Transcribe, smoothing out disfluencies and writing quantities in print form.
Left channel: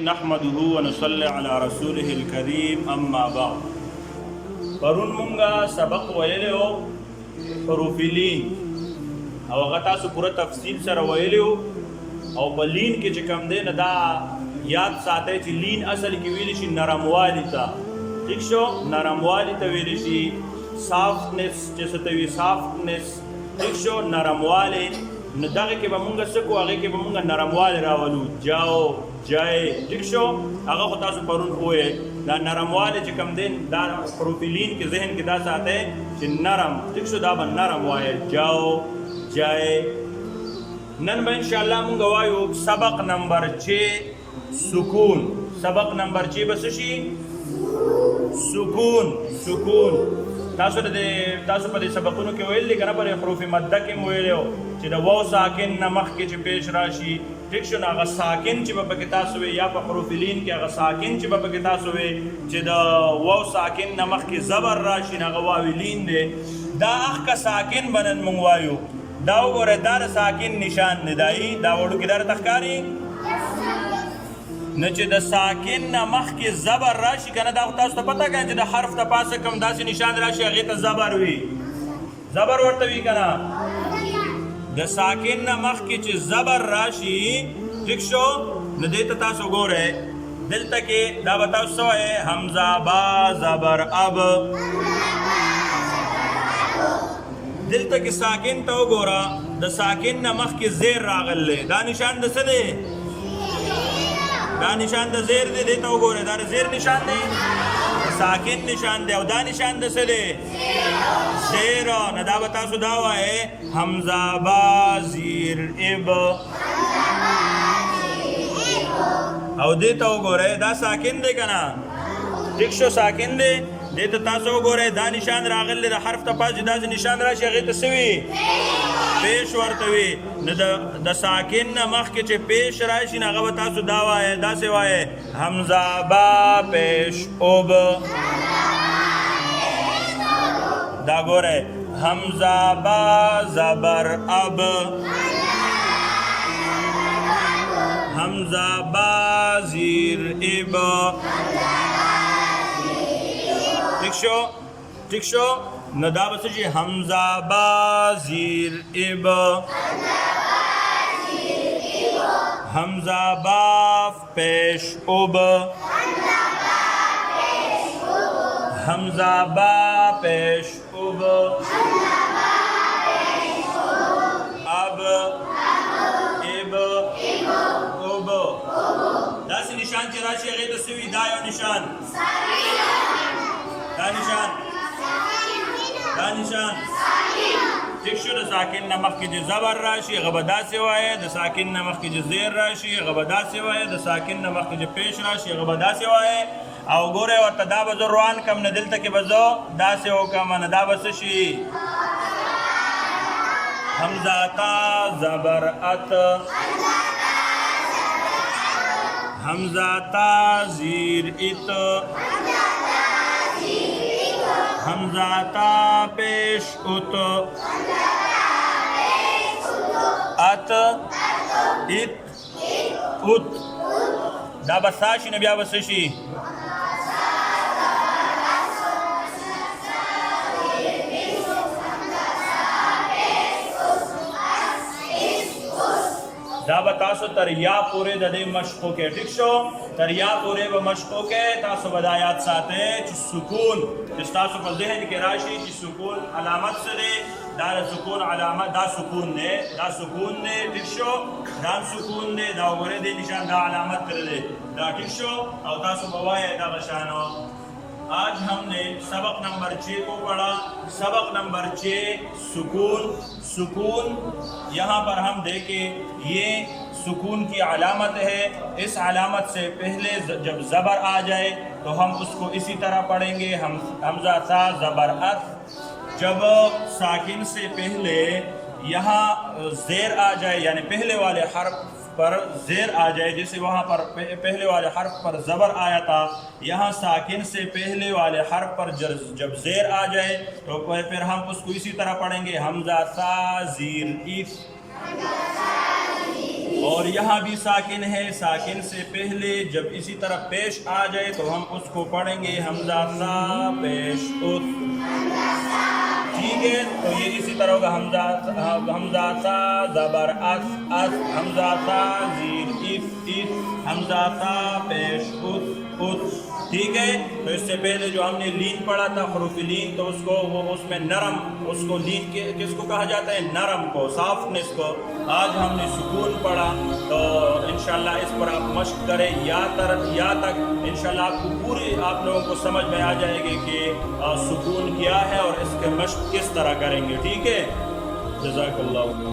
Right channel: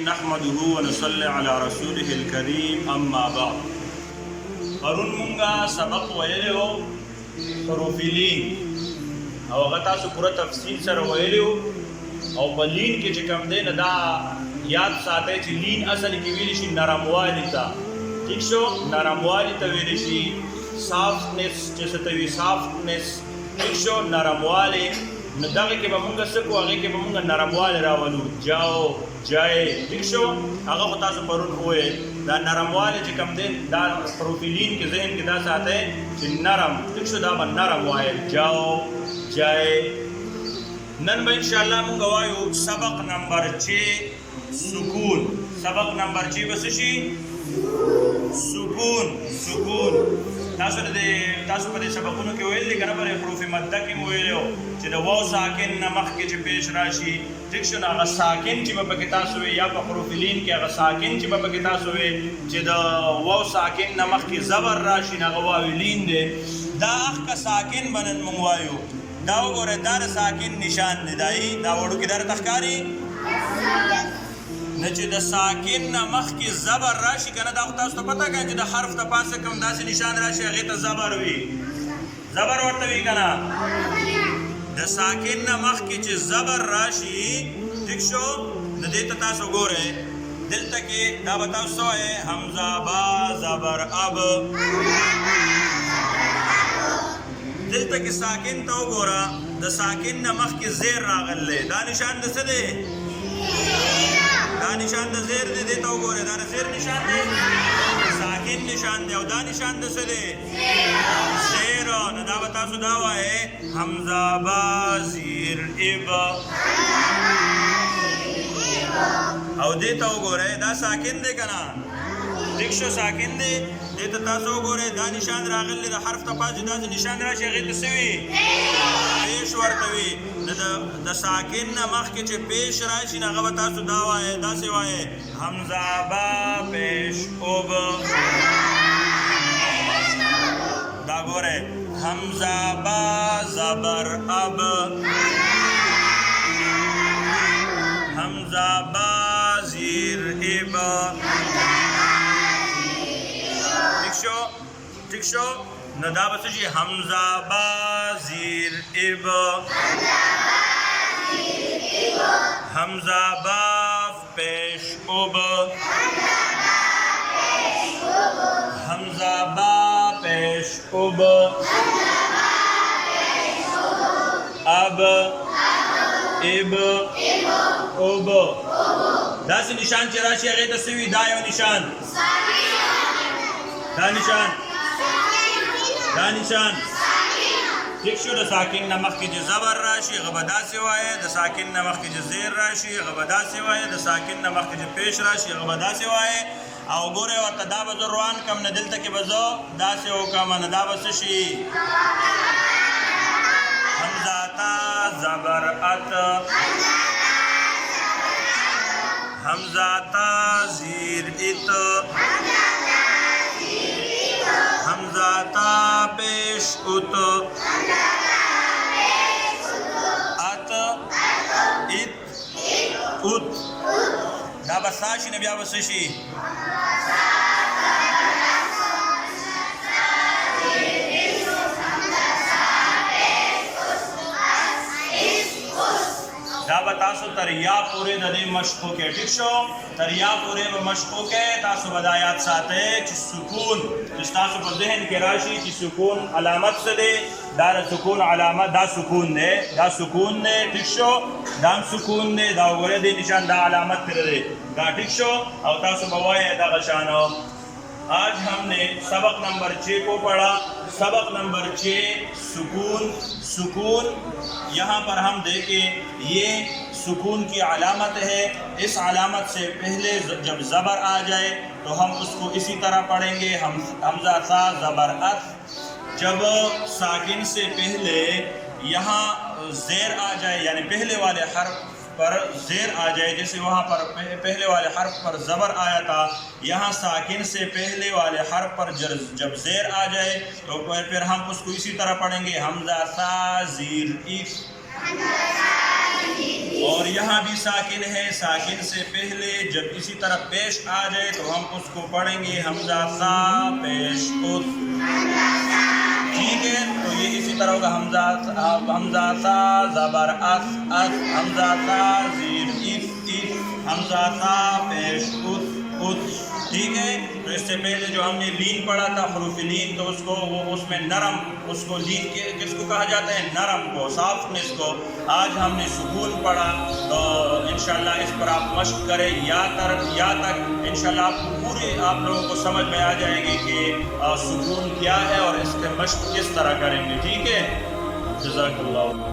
नहमदुहु व नसल्ली अला रसूलिहिल करीम अम्मा बाद। परun munga सबक वयलो حروف لین او هغه تاسو پوره تفصیل سره ویلو او په لین کې چې کوم دی نه دا یاد ساتئ چې لین اصل کې ویل شي نرموالی ته، ٹھیک شو، نرموالی ته ویل شي، سافټنس چې څه ته وي سافټنس، ٹھیک شو، نرموالی. نو دغه کې به مونږ څه کوو، هغې کې به مونږ نرموالی راولو، جاو جای، ٹھیک شو. هغه خو تاسو پرون وویل دا نرموالی چې کوم دی دا حروف لین کې ذهن کې دا ساتئ چې نرم، ٹھیک شو، دا به نرم وایل، جاو جای. نن به انشاءالله مونږ وایو سبق نمبر 6 سکون. سبق نمبر 6 به څه شي؟ سکون. سکون تاسو په دې سبقونو کې ویل دي که نه په حروف مده کې مو ویلي چې د واو ساکن نه مخکې چې پیش راشي، ټیک شو، نو هغه ساکن چې به پکې تاسو وي یا په حروف لین کې هغه ساکن چې به پکې تاسو وي چې د واو ساکن نه مخکې زبر راشي نو هغه واو لین دی. دا اخکه ساکن به نن مونږ وایو. دا وګورئ دا د ساکن نشان دی، دا وړوکې دا راته ښکاري. نه چې د ساکن نه مخکې زبر راشي که نه دا خو تاسو ته پته که چې د حرف ته پاسه کوم داسې نشان راشي هغې ته زبر وي، زبر ورته وي که نه. د ساکن نه مخکې چې زبر راشي، ټیک شو، نو دې ته تاسو ګورئ دلته کې دا به تاسو څه وایئ؟ حمزه با زبر اب. دلته کې ساکن ته وګوره، د ساکن نه مخکې زیر راغلی، دا نشان د څه دی؟ دا نشان د زیر دی. دې ته وګورئ دا د زیر نشان دی، ساکن نشان دی. او دا نشان د څه دی؟ زیر. نو دا به تاسو دا وایئ حمزه با زیر اب. او دې ته وګورئ دا ساکن دی که نه؟ ټیک شو، ساکن دی. دې ته تاسو وګورئ دا نشان راغلی د حرف ته پاس چې داسې نشان راشي هغې ته څه وي؟ پیش ورته وي. نو د ساکن نه مخکې چې پیش راشي نو هغه به تاسو دا وایئ، داسې وایئ حمزه با پیش اوب. دا ګورئ حمزه با زبر اب، حمزه با زیر اب. ٹھیک شو، ٹھیک شو. نو دا به څه شي؟ حمزه با زیر اب، حمزه با پیش اوب، حمزه با پیش اوب، اب اب اوب. داسې نشان چې راشي هغې ته څه وي؟ دا یو نشان، دا نشان، دا نشان، ٹھیک شو. د ساکن نه مخکې چې زبر راشي هغه به داسې وایئ، د ساکن نه مخکې چې زیر راشي هغه به داسې وایئ، د ساکن نه مخکې چې پیش راشي هغه به داسې وایئ. او ګورئ ورته دا به زه روان کړم نه دلته کې به زه داسې وکړم نه دا به څه شي؟ حمزه تا زبر ات، حمزه تا زیر ات، حمزه تا پیش ات، ات ات ات. دا به سا شي نه بیا به څه شي؟ دا به تاسو تر یا پورې د دې مشق وکړئ، ټیک شو، تر یا پورې به مشق وکړئ. تاسو به دا یاد ساتئ چې سکون چې تاسو په ذهن کې راشي چې سکون علامت څه دی؟ دا د سکون علامت دا سکون دی، دا سکون دی، ٹھیک شو، دا هم سکون دی. دا وګورئ دې نشان دا علامت کړی دی، دا ٹھیک شو. او تاسو به وایئ دغه شانو. آج ہم نے سبق نمبر 6 کو پڑھا. سبق نمبر 6 سکون. سکون یہاں پر ہم دیکھیں یہ سکون کی علامت ہے. اس علامت سے پہلے جب زبر آ جائے تو ہم اس کو اسی طرح پڑھیں گے، حمزہ تا زبر ات. جب ساکن سے پہلے یہاں زیر آ جائے یعنی پہلے والے حرف پر زیر آ جائے، جیسے وہاں پر پہلے والے حرف پر زبر آیا تھا، یہاں ساکن سے پہلے والے حرف پر جب زیر آ جائے تو پھر ہم اس کو اسی طرح پڑھیں گے، حمزہ سا زیر ایف. اور یہاں بھی ساکن ہے، ساکن سے پہلے جب اسی طرح پیش آ جائے تو ہم اس کو پڑھیں گے حمزہ سا پیش اس، ٹھیک ہے؟ تو یہ اسی طرح ہوگا حمزہ سا زبر اس اس، حمزہ سا زیر اس اس، حمزہ سا پیش اس اس، ٹھیک ہے؟ تو اس سے پہلے جو ہم نے لین پڑھا تھا حروف لین، تو اس کو وہ اس میں نرم، اس کو لین کس کو کہا جاتا ہے؟ نرم کو، سافٹنس کو۔ آج ہم نے سکون پڑھا، تو انشاءاللہ اس پر آپ مشق کریں یا تک انشاءاللہ آپ کو پوری آپ لوگوں کو سمجھ میں آ جائے گی کہ سکون کیا ہے اور اس کے مشق کس طرح کریں گے، ٹھیک ہے؟ جزاک اللہ۔